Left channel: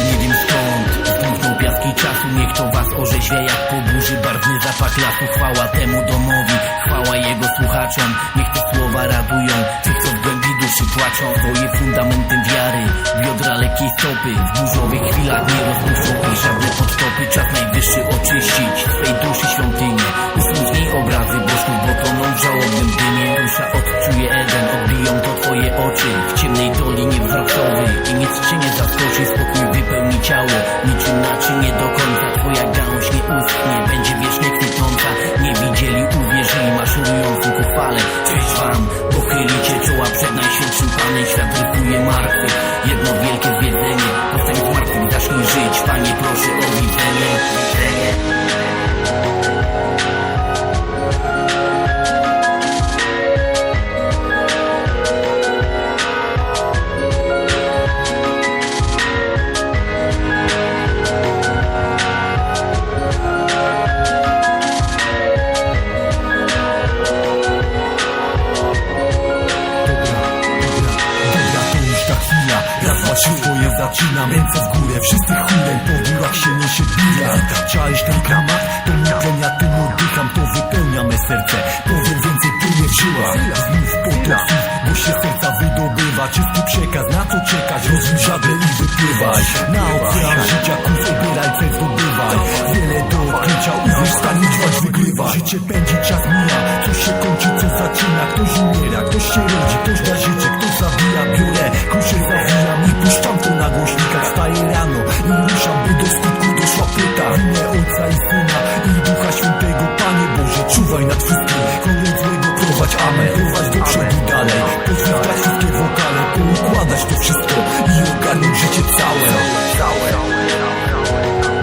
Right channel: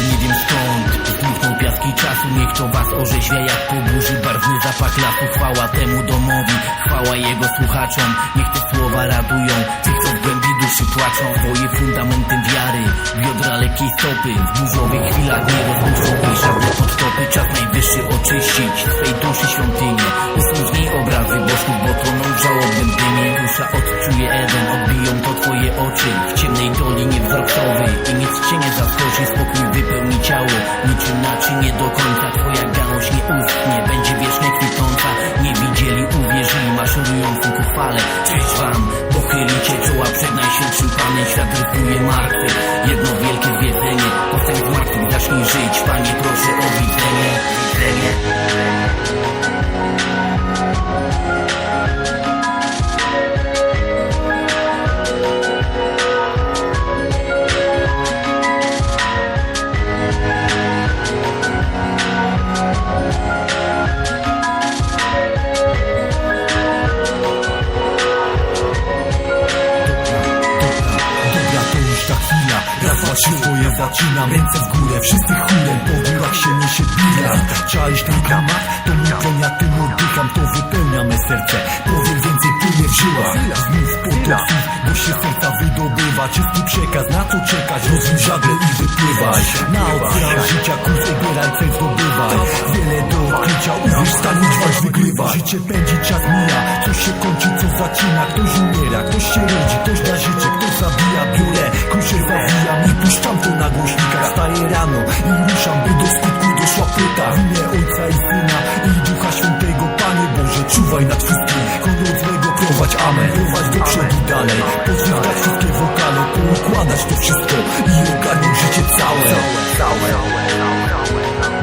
nie wiem skąd. Zdmuchnął piaski czasu, niech to was orzeźwia jak po burzy. Barwny zapach lasu, chwała temu domowi. Chwała jego słuchaczom, niech te słowa radują. Tych, co w głębi duszy płaczą Swoje fundamenty wiary, biodra lekkiej stopy W burzowych chwilach nie rozmuszą ich żadne podtopy Czas najwyższy oczyścić. Swej duszy świątynię niej obrazy bożków Bo toną w żałobnym dymie. Dusza odczuje Eden Odbiją to twoje oczy. W ciemnej dolinie wzrokowy I nic cię nie zaskoczy. Spokój wypełni ciało Niczym naczynie do końca. Twoja gałąź nie uschnie Będzie wiecznie kwitnąca. Nie widzieli, uwierzyli Maszerującym ku chwale. Cześć wam, pochylicie czoła Przed najświętszym Panem. Świat rypuje martwych Jedno wielkie zwiedzenie Powstań z martwych, zacznij żyć. Panie proszę o widzenie. Widzenie to już ta chwila. Raz, dwa, swoje zaczynam Ręce w górę, wszyscy chórem Po górach się niesie bila Czaisz ten klimat? To mój plon, ja tym oddycham. To wypełnia me serce. Powiem więcej, płynie w żyłach Znów potok bo się serca wydobywa. Czysty przekaz, na co czekać? Rozwój żagle i wypływaj. Na ocean życia kurs obieraj, cel zdobywaj. Wiele do odkrycia, uwierz, stań, dźwać, wygrywaj Życie pędzi, czas mija. Coś się kończy, co zaczyna? Ktoś umiera, ktoś się rodzi, ktoś da życie Ktoś zabija, biorę, kruszę, zawijam I puszczam to na głośnikach. Wstaję rano i ruszam, by do skutku doszła płyta. W imię Ojca i Syna i Ducha Świętego. Panie Boże, czuwaj nad wszystkim. Honor złego prowadź, amen. Prowadź do przodu dalej. Pozwykać wszystkie wokale Poukładać to wszystko i ogarnąć życie całe całe, całe, całe, całe.